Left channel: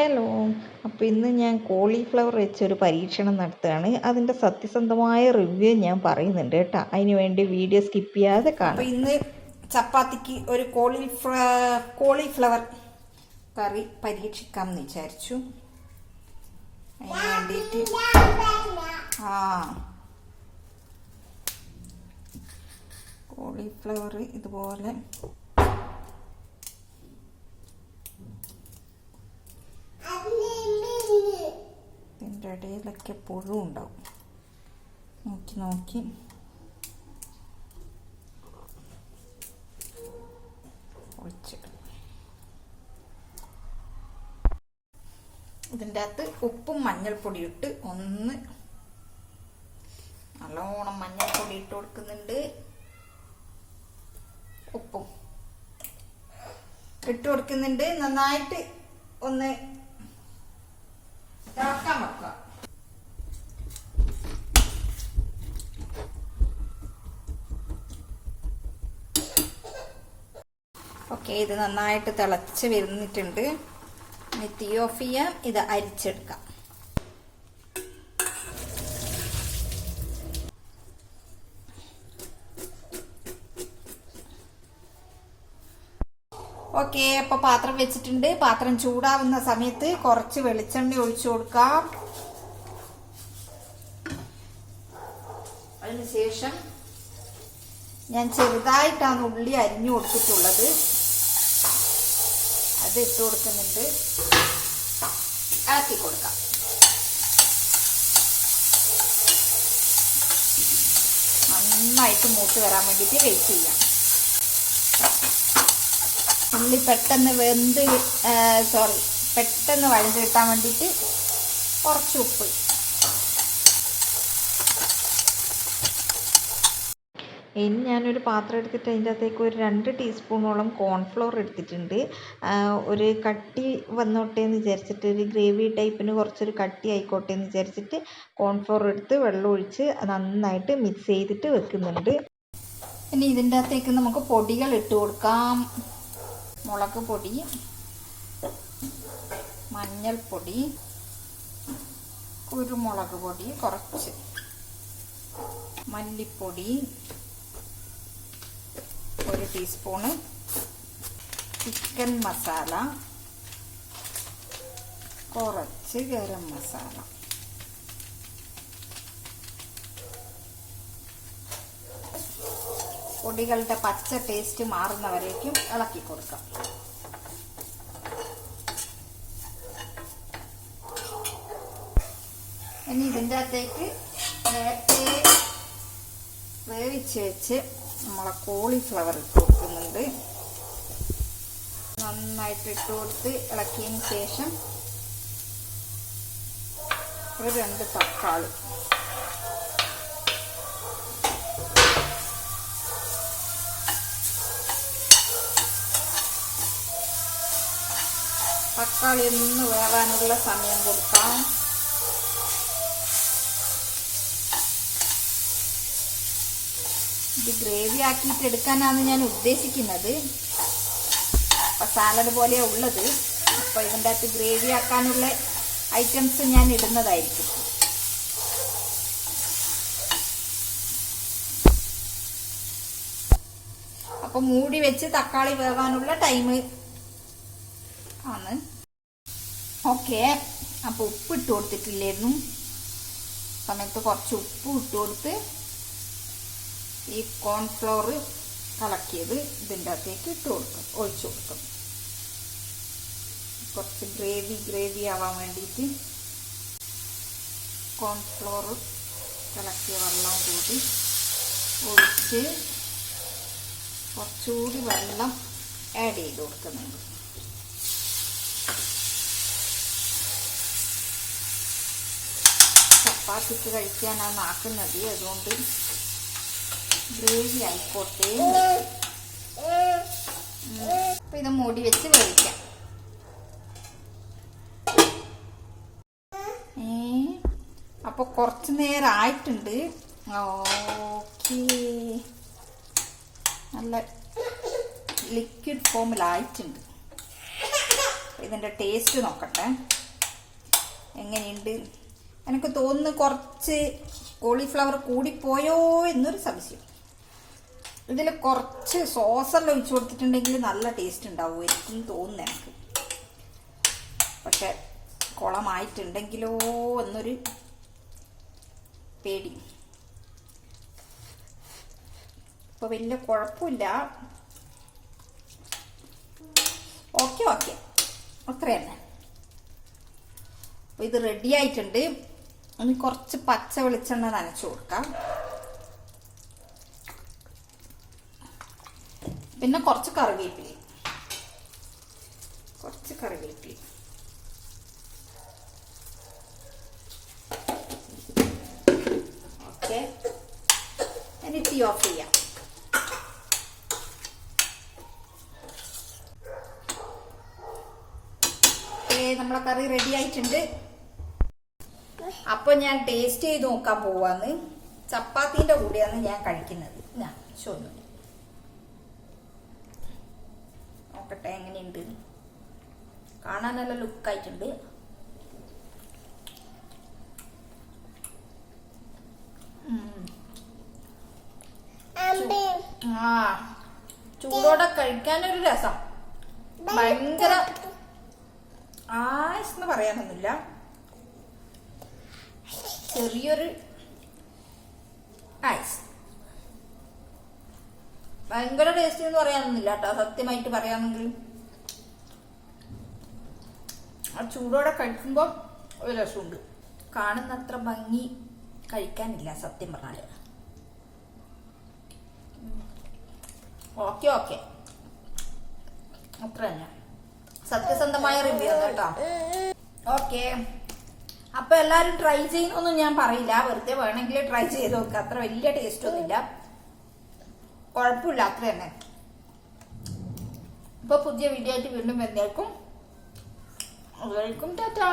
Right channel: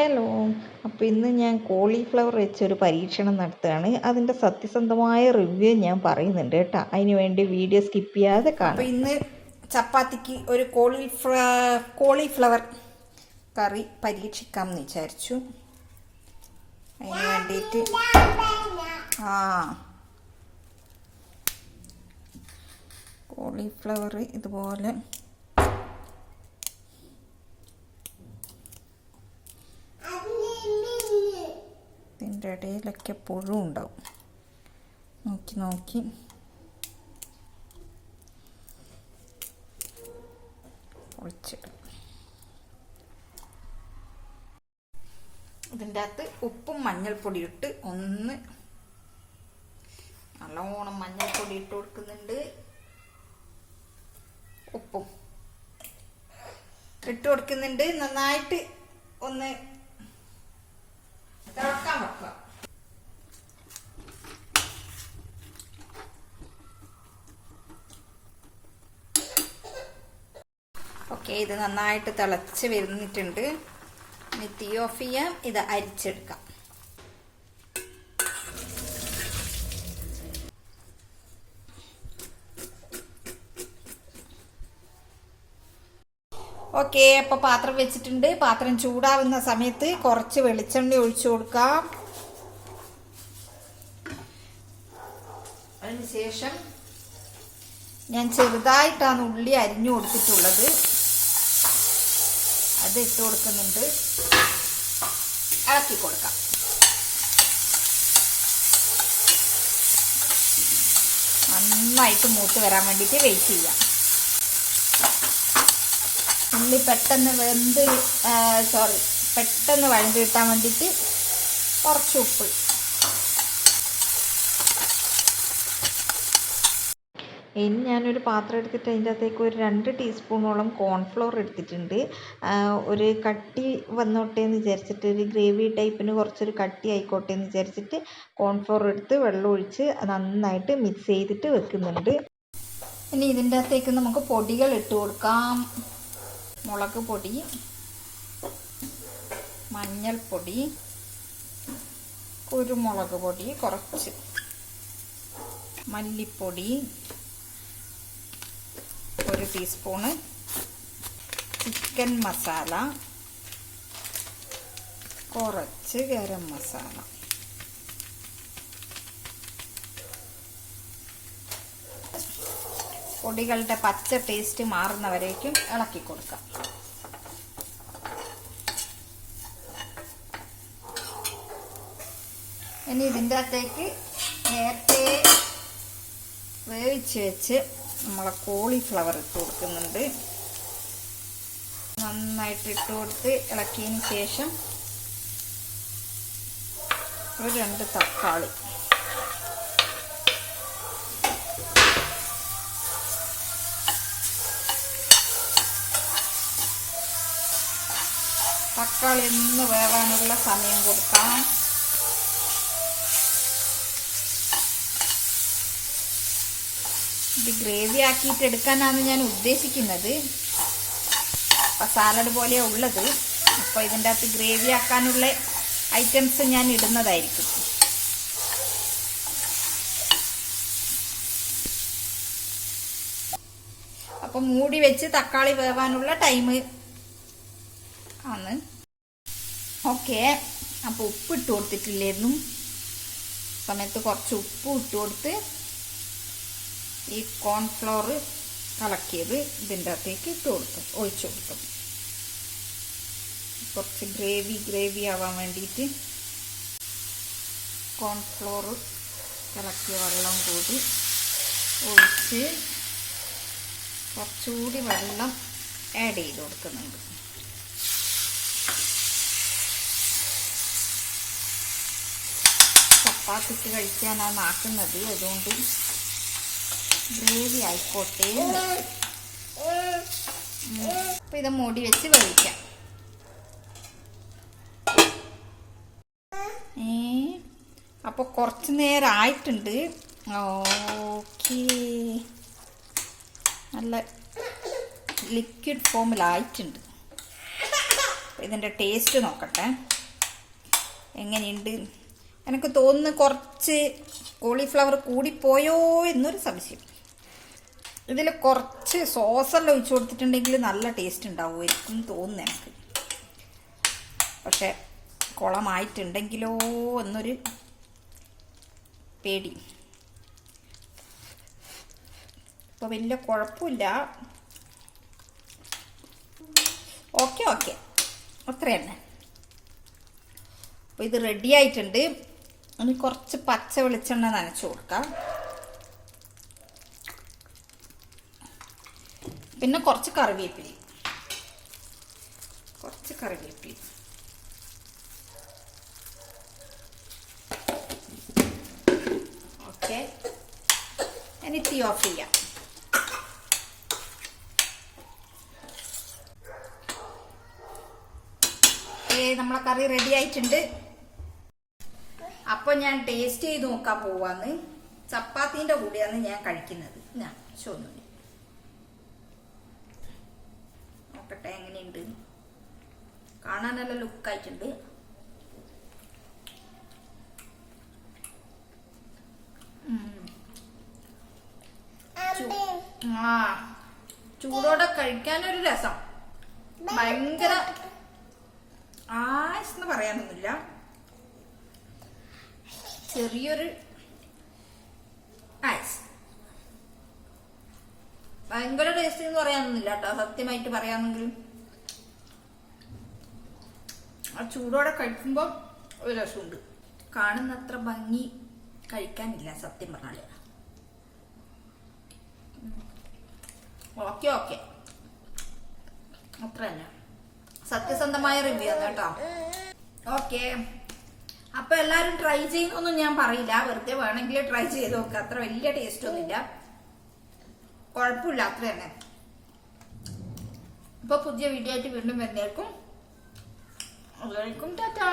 Hello അപ്പോൾ ഇന്ന് ഞാൻ കോളിഫ്ലവർ വെച്ചൊരു പരീക്ഷണം നടത്തുകയാണ്. അതിന്റെ സത്യസന്ധമായ റിവ്യൂ ഞാൻ പറയുന്നുണ്ട് കേട്ടോ. അതിന് വേണ്ടി വീഡിയോ സ്കിപ്പ് ചെയ്യാതെ കാണാം. ഇന്ന് ചപ്പാത്തിക്ക് ഒരു കോളിഫ്ല കോളിഫ്ലവർ കറി പരീക്ഷിക്കാം എന്ന് വിചാരിച്ചു. അതിന് വേണ്ടിയിട്ട് ആ. കോളിഫ്ലവർ ഇതുപോലെ ഇതിന്റെ ഇടയിലൊക്കെ പുഴു ഉണ്ടാവും. നോക്കി നോക്കി. ഇതിന്റെ അകത്ത് ഉപ്പും മഞ്ഞൾപ്പൊടി ഇട്ട് ഒന്ന് നല്ലോണം മഞ്ഞൾപ്പൊടി ഇട്ട് കൊടുക്കുന്നുണ്ട്. ഉപ്പും ഇട്ട് കൊടുക്കുന്നുണ്ട്. നന്നായിട്ട് ഒന്ന് ഓക്കെ ഇത് നന്നായിട്ട് തിളച്ച് വരുന്നിട്ടുണ്ട്. ഇനി തീ ഓഫ് ചെയ്യാം. ഇത് അരിച്ചെടുക്കാം. ഓക്കെ അപ്പൊ പാത്രം വെച്ചിട്ടുണ്ട്. പാത്രം ചൂടാവുന്ന സമയത്ത് കുറച്ച് വെളിച്ചെണ്ണ ഒഴിച്ചു കൊടുക്കാം. അതിനുശേഷം ഞാൻ ചെറുതായിട്ടാണ് ഉള്ളി അരിഞ്ഞു കൊടുത്തിട്ടുള്ളത്. അത് ഇട്ട് കൊടുക്കുന്നുണ്ട്. ഇളക്കി കൊടുക്കാം. നന്നായിട്ട് മൂത്ത് വരാൻ വേണ്ടിയിട്ട് വെയിറ്റ് ചെയ്യാം. ഉള്ളി പെട്ടെന്ന് വെന്ത് സോറി പെട്ടെന്ന് വഴുതി കിട്ടാൻ വേണ്ടിയിട്ട് കുറച്ച് ഉപ്പ്. ഇനി ഞാനൊരു പാത്രം എടുത്തിട്ട് അതിന്റെ അകത്തേക്ക് ഒരു രണ്ട് ടീസ്പൂണോളം കോൺഫ്ലോർ എടുത്തിട്ടുണ്ട്. ഒരു കട്ടി വന്നോട്ടെ എന്ന് വിചാരിച്ചിട്ട് ഒരു ഗ്രേവി ടൈപ്പിന് കുറച്ചൊരു കട്ടി ആയിക്കോട്ടെ എന്ന് വിചാരിച്ചിട്ട് കോൺഫ്ലോർ എടുത്ത് വെള്ളം ഒഴിച്ച് നന്നായിട്ട് മിക്സ് ചെയ്തിട്ട് വെക്കുന്നുണ്ട്. ഇനി ഇതിന്റെ അകത്തേക്ക് നമുക്ക് പൊടികൾ ഇട്ട് കൊടുക്കാം. മുളക് പൊടി മഞ്ഞൾപ്പൊടി കുരുമുളക് പൊടി കുറച്ച് മല്ലിപ്പൊടി ഒരു ടീസ്പൂണ് ചിക്കൻ മസാല കുറച്ച് ഗരം മസാല പൊടികളുടെ പച്ച ടേസ്റ്റ് മാറുന്നവരേക്കും ഇളക്കി കൊടുക്കാം. ഇനി ഇതിന്റെ അകത്തേക്ക് നേരത്തെ വേവിച്ച് വെച്ച് നമ്മളെ കോളിഫ്ലവർ ഇട്ട് കൊടുക്കുന്നുണ്ട്. നന്നായിട്ട് ഇട്ട് കൊടുത്ത് ഇളക്കിയതിന് ശേഷം ഒരു രണ്ട് തക്കാളി. തക്കാളി ഒന്ന് വേവാനുള്ള സമയം കൊടുക്കാം ഇത് ഗ്രേവി ആക്കിയിട്ട് എടുക്കാനാണ് ഞാൻ ഉദ്ദേശിക്കുന്നത്. അപ്പം സാലഡ് പോലെ ഉള്ളത്. അപ്പോൾ ഇതിന്റെ അകത്ത് ഗ്രേവി ആക്കാനുള്ള ഐറ്റംസ് ഞാൻ ഇടുന്നതായിരിക്കും. അപ്പം മൂടി വെച്ച് തക്കാളി വേവാനുള്ള ടൈം ആണ്. ഓക്കെ. അപ്പോൾ ഉപ്പ് ഇട്ട് കൊടുത്തിട്ടില്ലായിരുന്നു. സമയത്ത് കുറച്ച് ഉപ്പ് ഇട്ട് കൊടുത്ത് ഈ കോൺഫ്ലോർ കലക്കിയത് ഇതിന്റെ അകത്തേക്ക് ഇട്ട് കൊടുക്കും ഒഴിച്ചു കൊടുക്കും. കുറച്ച് ഗ്രേവി ഗ്രേവി ആവാൻ വേണ്ടിയിട്ട് കോൺഫ്ലോർ കലക്കിയ വെള്ളം കൂടി ഒഴിച്ച് കുറച്ചുകൂടി വെള്ളം ആഡ് ചെയ്ത് കൊടുക്കുന്നുണ്ട്. ചപ്പാത്തിക്ക് കഴിക്കാനാണ് ആക്കുന്നത് അതുകൊണ്ട് ഗ്രേവി ആയിക്കോട്ടെ. അപ്പൊ ഇത് മൂടി വെച്ച് വേവിക്കാം. ഏ അപ്പൊ കുറച്ച് നേരം ആയിട്ടുണ്ട് ഓക്കേ. നല്ല ലിക്വിഡ് ഫോമിലായിട്ടുണ്ട് ഇതിന്റെ ടേസ്റ്റ് നോക്കട്ടെ. എങ്ങനെയുണ്ട്? എനിക്ക് തോന്നുന്നു കുറച്ച് കോളിഫ്ലവർ കൂടിപ്പോയോ എന്നൊരു സംശയം. ഇതിൽ കുറച്ച് സോസെല്ലാം ഒഴിച്ചു കൊടുത്തിട്ടുണ്ടെങ്കിൽ നല്ല ടേസ്റ്റ് ഉണ്ടാവുമായിരിക്കും തോന്നുന്നു എനിക്ക്. പക്ഷെ കുളമായിട്ടുണ്ടെങ്കിലോ എന്നൊരു പേടി. ഇപ്പൊ വലിയ കുഴപ്പമില്ല. ഓക്കെ ഓക്കെ അത്ര തന്നെ. അപ്പൊ ഇത് റെഡി ആയിട്ടുണ്ട്. ഇനി കുറച്ച് പച്ച വെളിച്ചെണ്ണ നനച്ചു കൊടുക്കാം. പിന്നെ കുറച്ച് കറിവേപ്പില. കുറച്ച് കറിവേപ്പില. ഓക്കെ. ഇനി തീ ഓഫ് ചെയ്യാം. നമ്മളെ കറി റെഡി ആയിട്ടുണ്ട്. അപ്പൊ ഞാൻ ടേസ്റ്റ് ചെയ്ത് നോക്കാൻ പോവാന്ന്. ചപ്പാത്തിന്റെ കൂടെയാണ് ഞാൻ കഴിക്കുന്നത്. ഞാൻ ചോദിച്ചു നോക്കട്ടെ എങ്ങനെയുണ്ട്? കാണാൻ നല്ല ലുക്കായിട്ടുണ്ട്. ആ ചൂടോടെ കഴിക്കാനൊരു രസം. ഭയങ്കര ആയസ് എന്ന് പറയാനൊന്നുമില്ല. ചെറിയൊരു ഭയങ്കര ടേസ്റ്റ് എന്ന് പറയാനൊന്നുമില്ല കേട്ടോ സത്യമായിട്ട് പറയാമെങ്കിൽ. ആ ചൂടോടെ കഴിക്കുമ്പോൾ ഒരു രസമുണ്ട്. കാണുന്ന അത്ര ഭംഗി കഴിക്കാനില്ല സത്യം പറഞ്ഞാൽ. Okay okay. അത്ര തന്നെ. സത്യസന്ധമായ റിവ്യൂ ആണ് കേട്ടോ. ഓക്കെ. അപ്പൊ എല്ലാരും ട്രൈ ചെയ്യുന്നൊന്നും ഞാൻ പറയില്ല. വെറുതെ വേണമെങ്കിൽ ട്രൈ ചെയ്ത് നോക്കുക അത്ര വലിയ ടേസ്റ്റ് ഒന്നുമില്ല. കുഴപ്പമില്ല അത്ര തന്നെ. ഇപ്പൊ പുതിയ വീഡിയോ ആയിട്ട് വീണ്ടും വരുന്നേക്കും ടാറ്റാ.